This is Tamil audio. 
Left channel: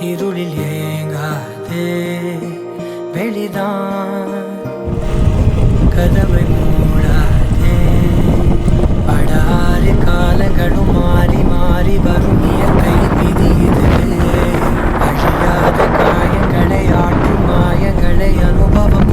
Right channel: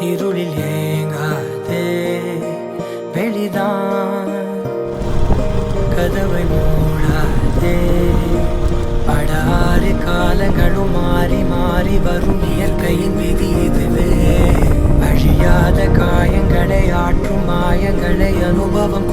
இருளில் ஏங்காதே வெளிதான் கதவை மூடாதே படாறு காலங்களும் மாறி மாறி வரும் இயற்கையின் விதி இதுவே அழியாத காயங்களை ஆற்றும் மாயங்களை அனுபவம்